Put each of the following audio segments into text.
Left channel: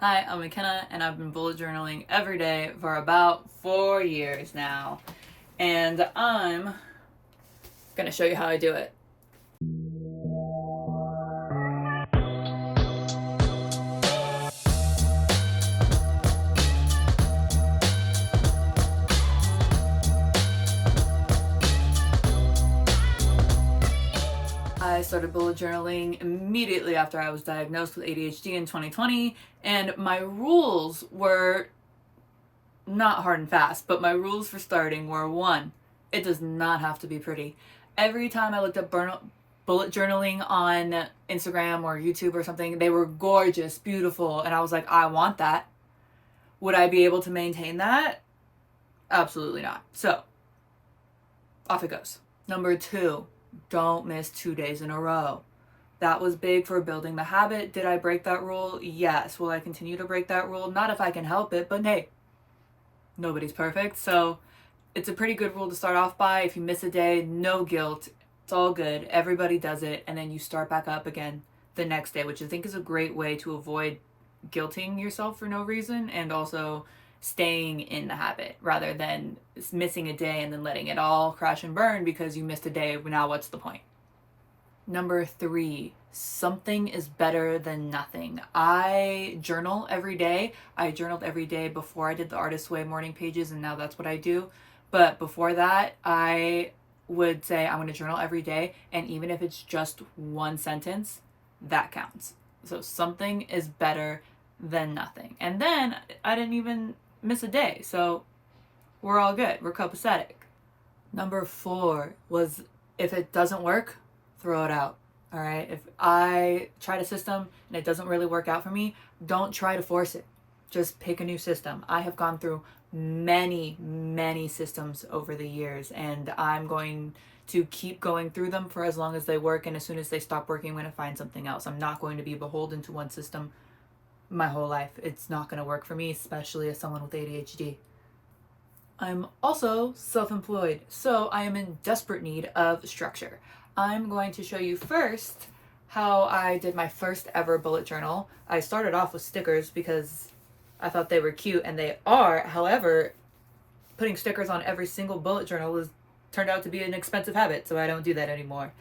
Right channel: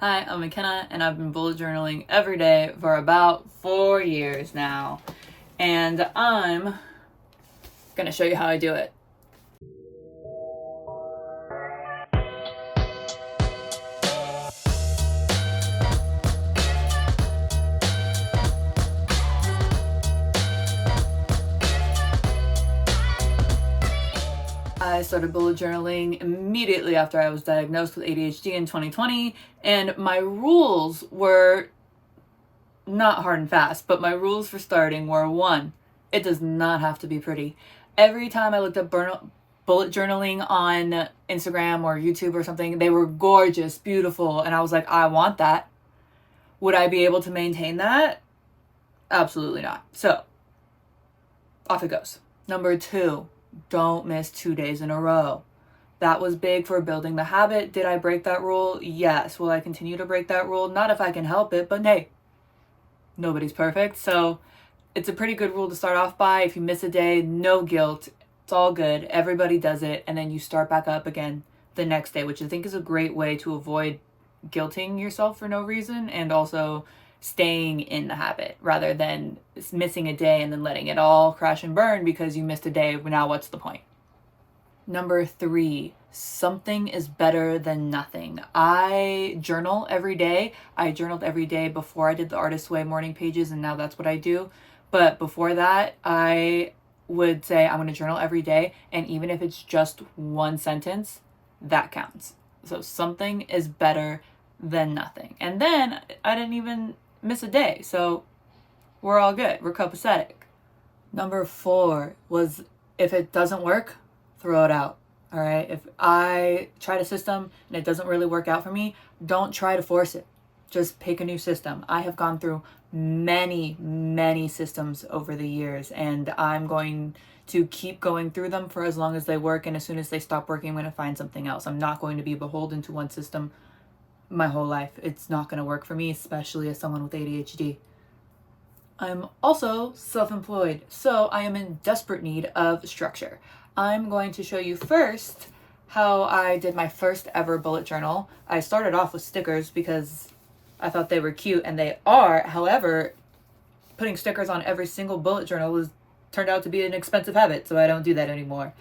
Hi, I'm McKenna, and I've been bullet journaling every day for about 4 years now. And I'm gonna show you how I do it. I started bullet journaling immediately after I was diagnosed with ADHD in 2020, and my rules were not hard and fast, but my rules for starting were: one, it does not have to be pretty. Every time I looked up bullet journaling on Instagram or YouTube or something, they were gorgeous, beautiful, and I was like, I want that. Would I be able to maintain that? Absolutely not. So, off it goes. Number two, don't miss 2 days in a row. That was big for building the habit. Did I break that rule? Yes. Will I continue to break that rule? Not if I can help it, but hey, nobody's perfect. So it's a pretty good rule to start off by. If you miss a day, no guilt. It's all good. Everybody does it. And then you start back up again the next day, which I think is a great way to avoid guilting yourself for no reason, and also staying in the habit rather than missing a day and then letting it all crash and burn because you missed a day. Now what's the point? Number three, something is better than nothing. I journal every day. I journaled every day before I did the Artist's Way morning pages, and now that's what I do. But before that, I would say I'm going to journal every day, and even if it's just one sentence, that counts. So something is better than nothing. And then I didn't even miss a day, so we're all good. We're copacetic. Number four was, if it doesn't work, throw it out. All right. If I tried a system and it doesn't really work out for me, don't try to force it. Just pick a new system. I have gone through many systems over the years, and I'm going to keep going through them for as long as they work. And as soon as they stop working, I'm going to find something else. I'm not going to be beholden to one system my whole life. It's not going to work for me, especially as someone with ADHD. I'm also self-employed, so I am in desperate need of structure. I'm going to show you first how I did my first ever bullet journal. I started off with stickers because I thought they were cute, and they are. However, putting stickers on every single bullet journal turned out to be an expensive habit, so I don't do that anymore.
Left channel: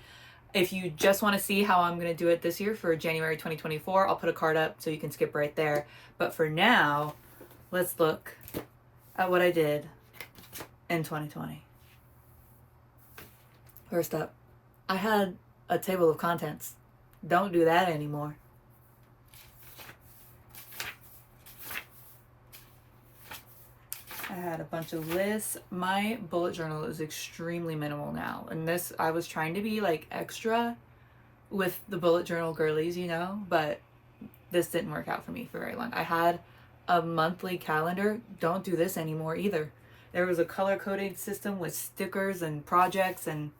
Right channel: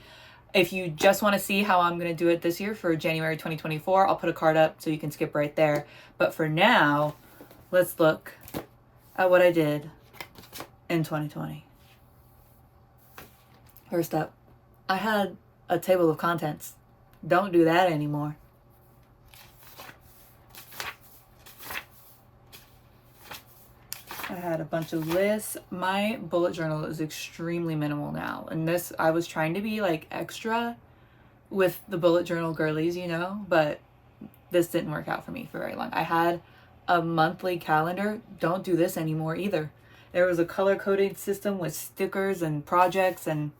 If you just want to see how I'm going to do it this year for January 2024, I'll put a card up so you can skip right there. But for now, let's look at what I did in 2020. First up, I had a table of contents. Don't do that anymore. I had a bunch of lists. My bullet journal is extremely minimal now. And this, I was trying to be like extra with the bullet journal girlies, but this didn't work out for me for very long. I had a monthly calendar. Don't do this anymore either. There was a color-coded system with stickers and projects, and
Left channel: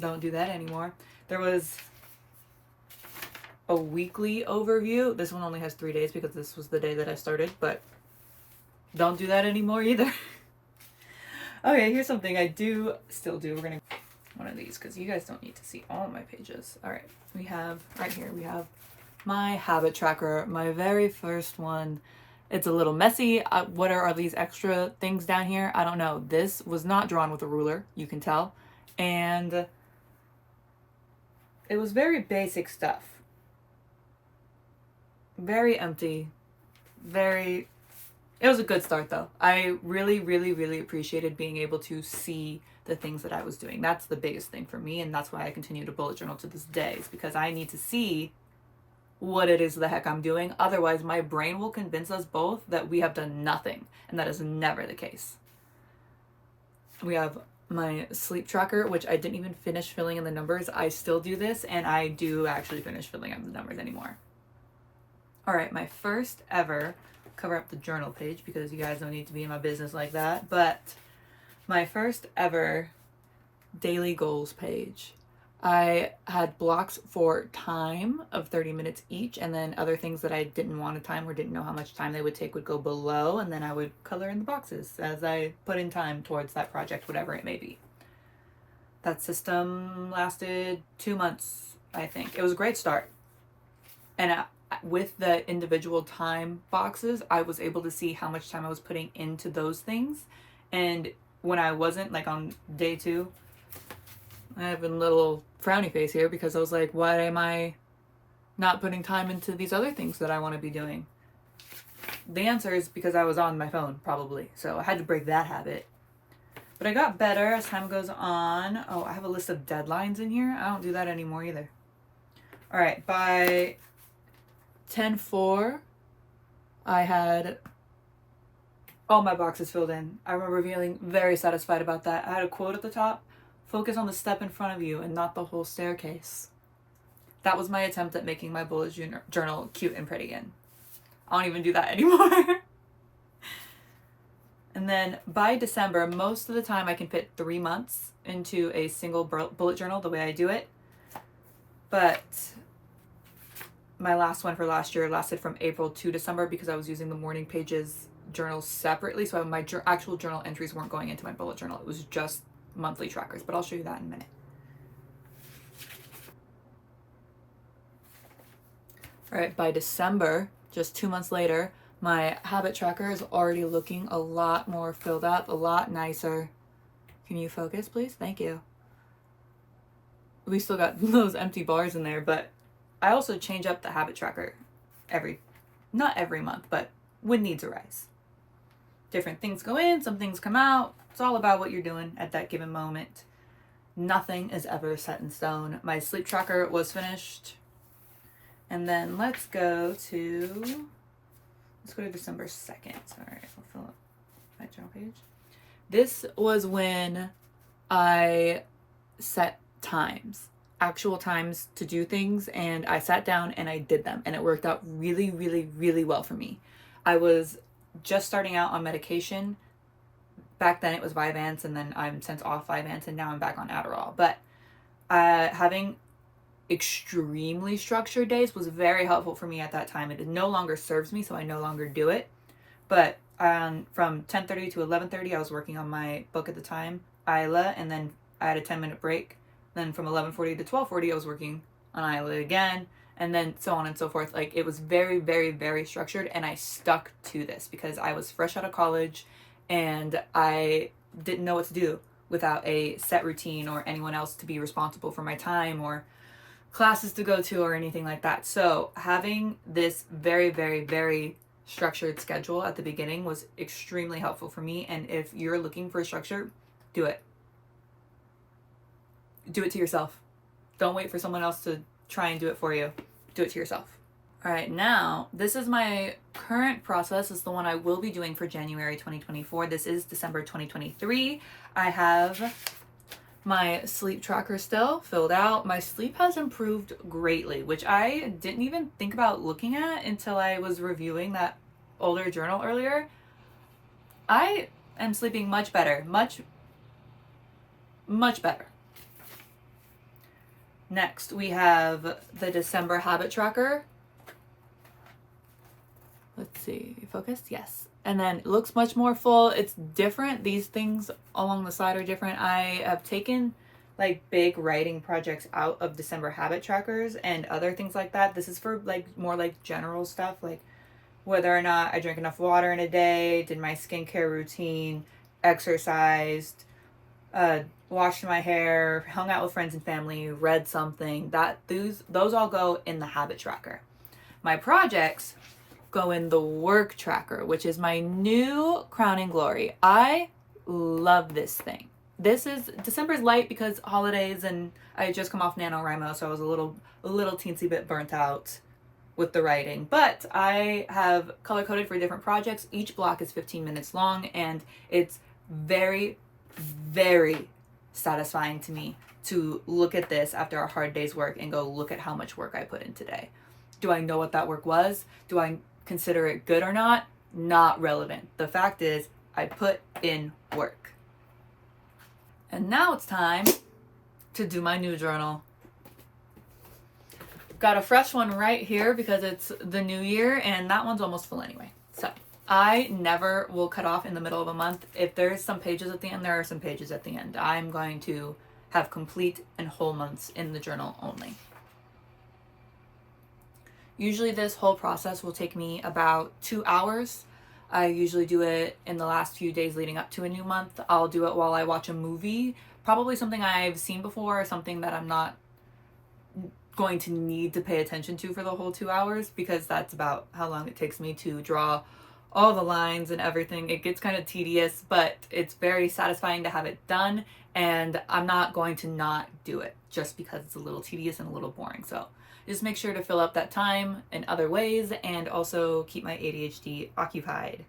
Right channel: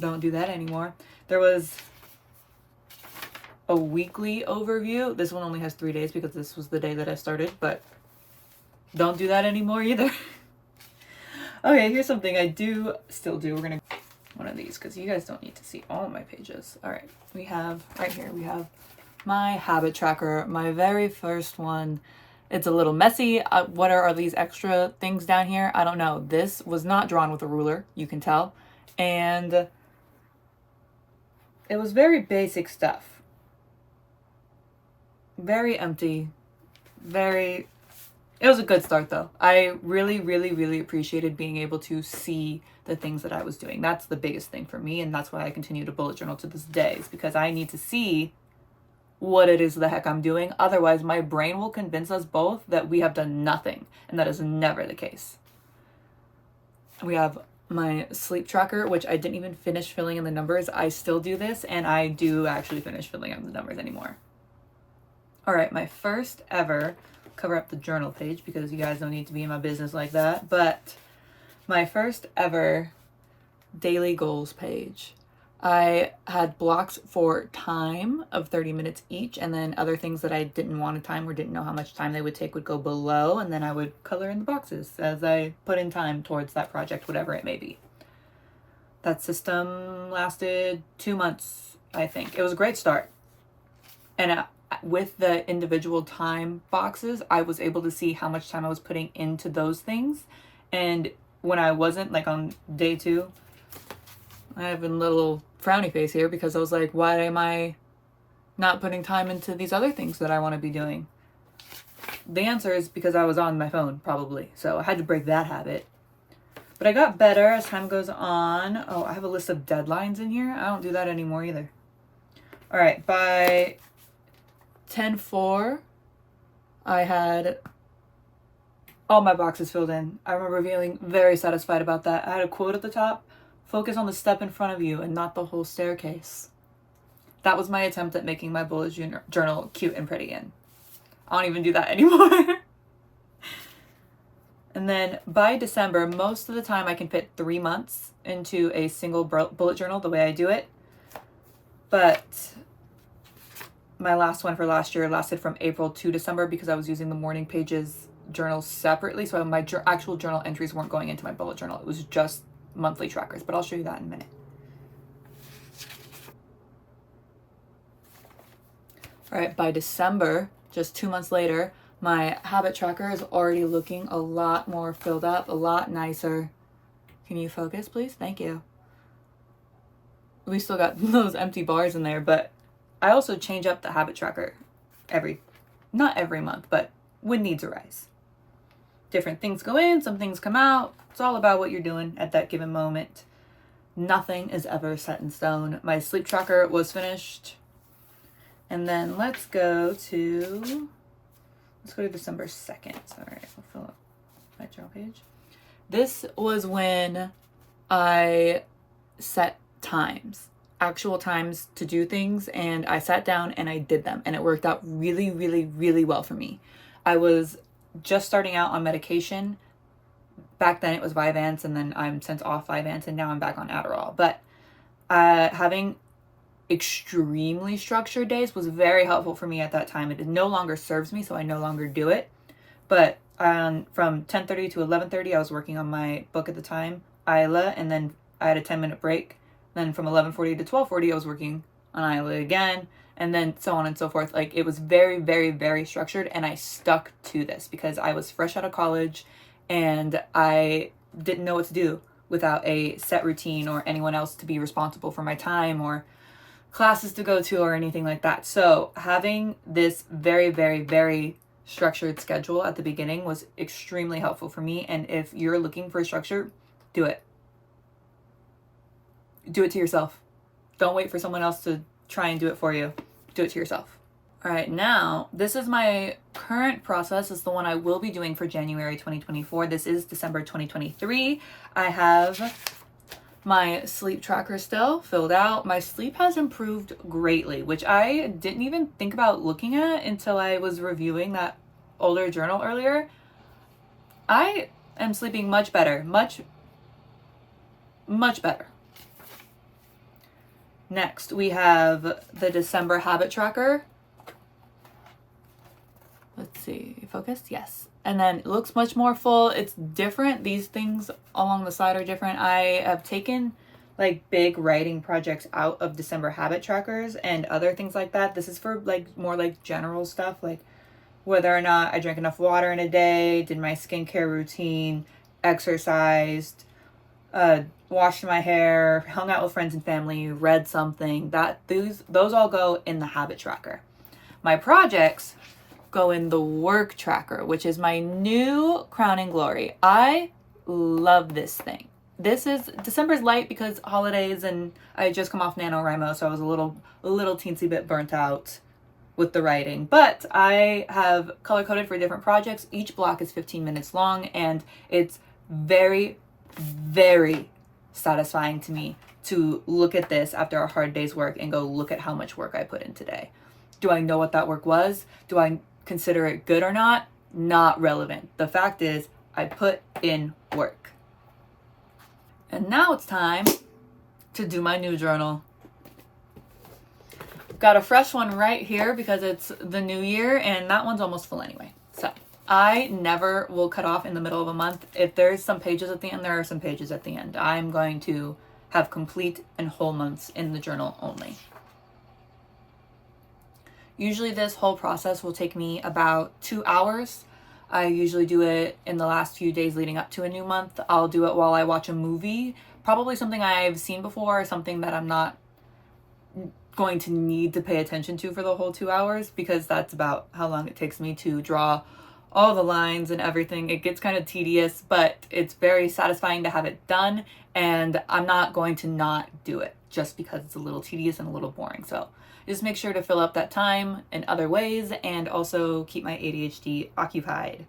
don't do that anymore. There was a weekly overview. This one only has 3 days because this was the day that I started, but don't do that anymore either. Okay, here's something I do still do. We're gonna one of these because you guys don't need to see all of my pages. All right, we have right here, we have my habit tracker, my very first one. It's a little messy. What are these extra things down here? I don't know. This was not drawn with a ruler, you can tell. And it was very basic stuff. Very empty. It was a good start though. I really appreciated being able to see the things that I was doing. That's the biggest thing for me, and that's why I continue to bullet journal to this day, is because I need to see what it is the heck I'm doing. Otherwise, my brain will convince us both that we have done nothing, and that is never the case. We have my sleep tracker, which I didn't even finish filling in the numbers. I still do this, and I do actually finish filling out the numbers anymore. All right, my first ever, cover up the journal page because you guys don't need to be in my business like that, but my first ever daily goals page. I had blocks for time of 30 minutes each, and then other things that I didn't want to time or didn't know how much time they would take would go below, and then I would color in the boxes as I put in time towards that project, whatever it may be. That system lasted 2 months, I think. It was a great start. And with the individual time boxes, I was able to see how much time I was putting into those things. And when I wasn't, like on day 2, I have a little frowny face here because I was like, why am I not putting time into these other things that I want to be doing? The answer is because I was on my phone, probably. So I had to break that habit. But I got better as time goes on. Oh, I have a list of deadlines in here. I don't do that anymore either. All right, by 10:04, I had all my boxes filled in. I remember feeling very satisfied about that. I had a quote at the top: focus on the step in front of you and not the whole staircase. That was my attempt at making my bullet journal cute and pretty again. I don't even do that anymore. And then by December, most of the time I can fit 3 months into a single bullet journal the way I do it. But my last one for last year lasted from April to December because I was using the morning pages journal separately. So my actual journal entries weren't going into my bullet journal. It was just monthly trackers, but I'll show you that in a minute. All right, by December, just 2 months later, my habit tracker is already looking a lot more filled up, a lot nicer. Can you focus, please? Thank you. We still got those empty bars in there, but I also change up the habit tracker not every month, but when needs arise. Different things go in, some things come out. It's all about what you're doing at that given moment. Nothing is ever set in stone. My sleep tracker was finished. And then let's go to December 2nd. Sorry, I'll fill up my journal page. This was when I set times, actual times to do things, and I sat down and I did them, and it worked out really, really, really well for me. I was just starting out on medication. Back then it was Vyvanse, and then I'm since off Vyvanse, and now I'm back on Adderall. But having extremely structured days was very helpful for me at that time. It no longer serves me, so I no longer do it. But from 10:30 to 11:30, I was working on my book at the time, Isla, and then I had a 10-minute break. Then from 11:40 to 12:40, I was working on Isla again, and then so on and so forth. Like, it was very, very, very structured, and I stuck to this because I was fresh out of college, and I didn't know what to do without a set routine or anyone else to be responsible for my time or classes to go to or anything like that. So having this very, very, very structured schedule at the beginning was extremely helpful for me. And if you're looking for a structure, do it. Do it to yourself. Don't wait for someone else to try and do it for you. Do it to yourself. All right, now this is my current process. It's the one I will be doing for January 2024. This is December 2023. I have my sleep tracker still filled out. My sleep has improved greatly, which I didn't even think about looking at until I was reviewing that older journal earlier. I am sleeping much better, much better. Next, we have the December habit tracker. Let's see, focused? Yes. And then it looks much more full. It's different. These things along the side are different. I have taken like big writing projects out of December habit trackers and other things like that. This is for like more like general stuff, like whether or not I drank enough water in a day, did my skincare routine, exercised, washed my hair, hung out with friends and family, read something. Those all go in the habit tracker. My projects go in the work tracker, which is my new crowning glory. I love this thing. December's light because holidays, and I had just come off NaNoWriMo, so I was a little teensy bit burnt out with the writing. But I have color coded for different projects. Each block is 15 minutes long, and it's very, very satisfying to me to look at this after a hard day's work and go, look at how much work I put in today. Do I know what that work was? Do I consider it good or not? Not relevant. The fact is, I put in work. And now it's time to do my new journal. Got a fresh one right here because it's the new year, and that one's almost full anyway. So I never will cut off in the middle of a month. If there's some pages at the end, there are some pages at the end. I'm going to have complete and whole months in the journal only. Usually this whole process will take me about 2 hours. I usually do it in the last few days leading up to a new month. I'll do it while I watch a movie, probably something I've seen before, something that I'm not going to need to pay attention to for the whole 2 hours, because that's about how long it takes me to draw all the lines and everything. It gets kind of tedious, but it's very satisfying to have it done, and I'm not going to not do it just because it's a little tedious and a little boring. So just make sure to fill up that time in other ways and also keep my ADHD occupied.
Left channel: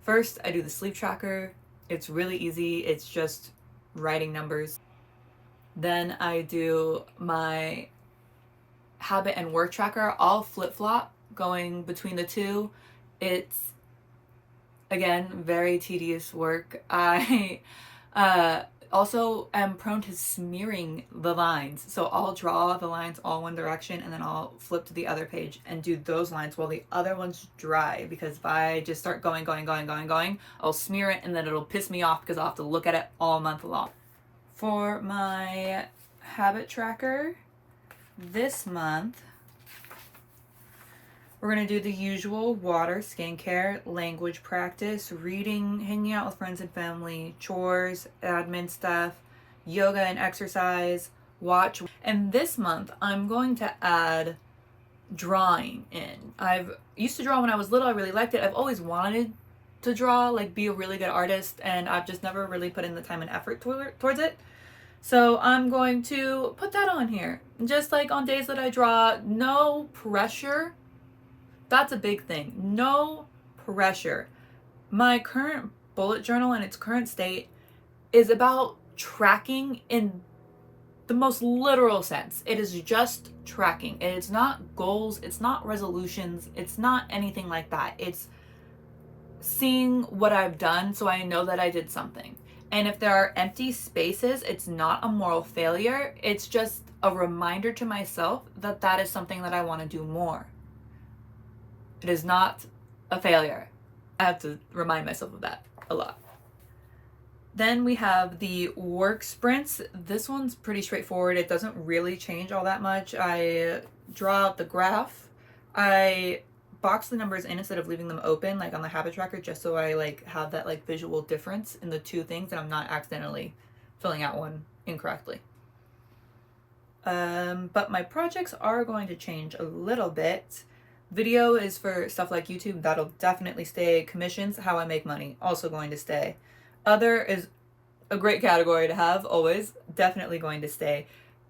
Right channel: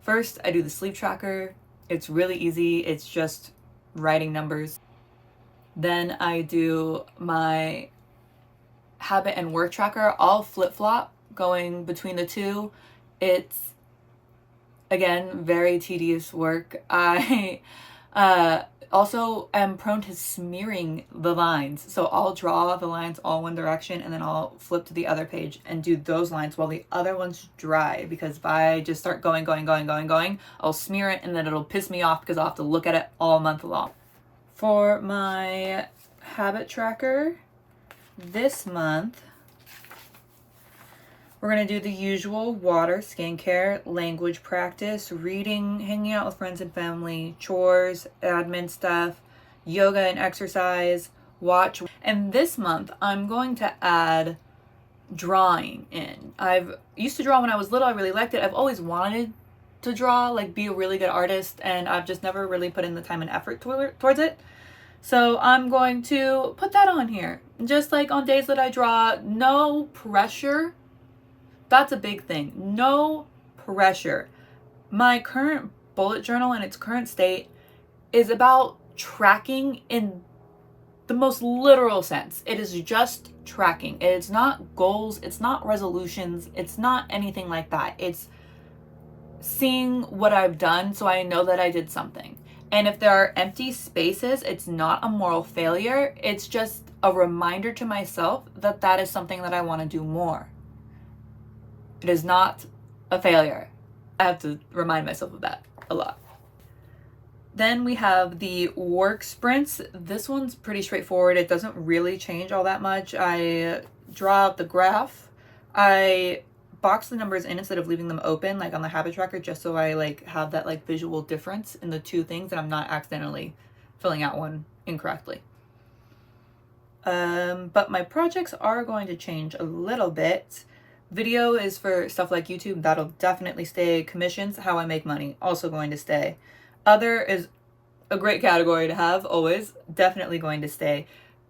First, I do the sleep tracker. It's really easy. It's just writing numbers. Then I do my habit and work tracker. I'll flip-flop going between the two. It's, again, very tedious work. I also am prone to smearing the lines. So I'll draw the lines all one direction and then I'll flip to the other page and do those lines while the other ones dry, because if I just start going, I'll smear it and then it'll piss me off because I'll have to look at it all month long. For my habit tracker this month, we're going to do the usual: water, skincare, language practice, reading, hanging out with friends and family, chores, admin stuff, yoga and exercise, watch. And this month, I'm going to add drawing in. I've used to draw when I was little. I really liked it. I've always wanted to draw, like be a really good artist, and I've just never really put in the time and effort towards it. So I'm going to put that on here. Just like on days that I draw, no pressure. That's a big thing. No pressure. My current bullet journal in its current state is about tracking in the most literal sense. It is just tracking. It is not goals. It's not resolutions. It's not anything like that. It's seeing what I've done so I know that I did something. And if there are empty spaces, it's not a moral failure. It's just a reminder to myself that that is something that I want to do more. It is not a failure. I have to remind myself of that a lot. Then we have the work sprints. This one's pretty straightforward. It doesn't really change all that much. I draw out the graph. I box the numbers in instead of leaving them open like on the habit tracker, just so I like have that like visual difference in the two things and I'm not accidentally filling out one incorrectly. But my projects are going to change a little bit. Video is for stuff like YouTube. That'll definitely stay. Commissions, how I make money, also going to stay. Other is a great category to have, always. Definitely going to stay.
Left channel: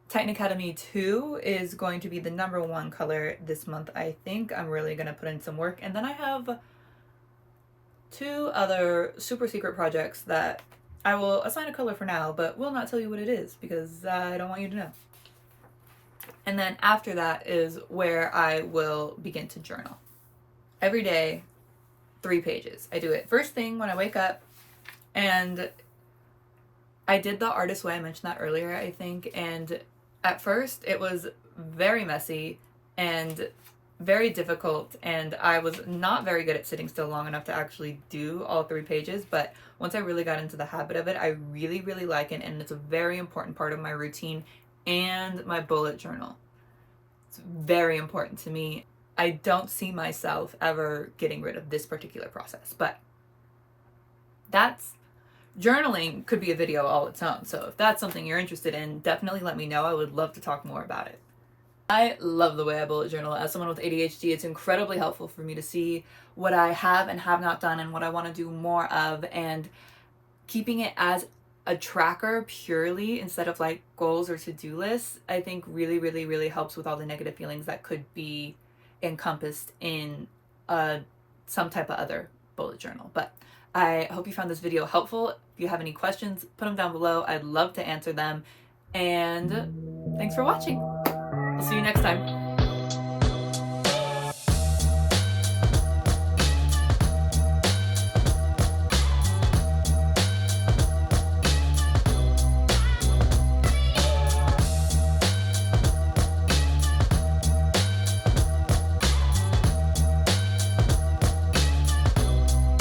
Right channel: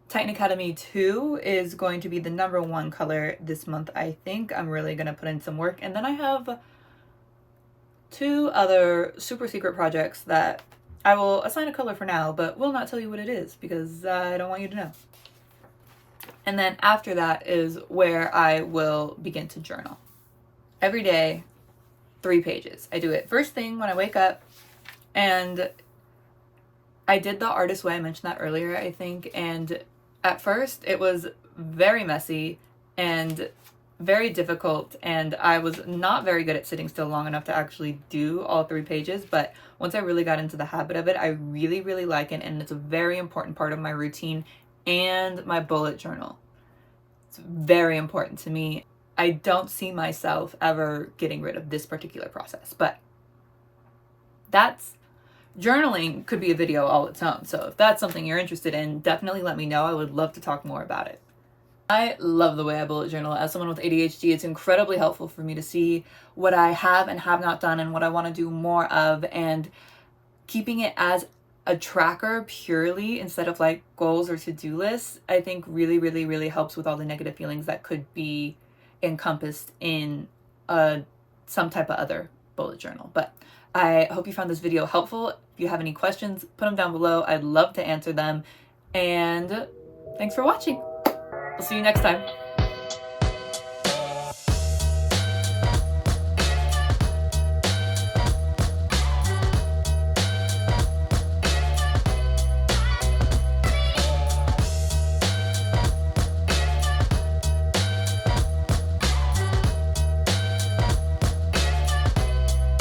Titan Academy 2 is going to be the #1 color this month, I think. I'm really going to put in some work. And then I have 2 other super secret projects that I will assign a color for now, but will not tell you what it is because I don't want you to know. And then after that is where I will begin to journal. Every day, 3 pages. I do it first thing when I wake up, and I did the artist way. I mentioned that earlier, I think. And at first it was very messy and very difficult, and I was not very good at sitting still long enough to actually do all 3 pages. But once I really got into the habit of it, I really, really like it, and it's a very important part of my routine and my bullet journal. It's very important to me. I don't see myself ever getting rid of this particular process, but journaling could be a video all its own. So if that's something you're interested in, definitely let me know. I would love to talk more about it. I love the way I bullet journal. As someone with ADHD, it's incredibly helpful for me to see what I have and have not done and what I want to do more of, and keeping it as a tracker purely instead of like goals or to-do lists, I think really, really, really helps with all the negative feelings that could be encompassed in some type of other bullet journal. But I hope you found this video helpful. If you have any questions, put them down below. I'd love to answer them. And thanks for watching. I'll see you next time.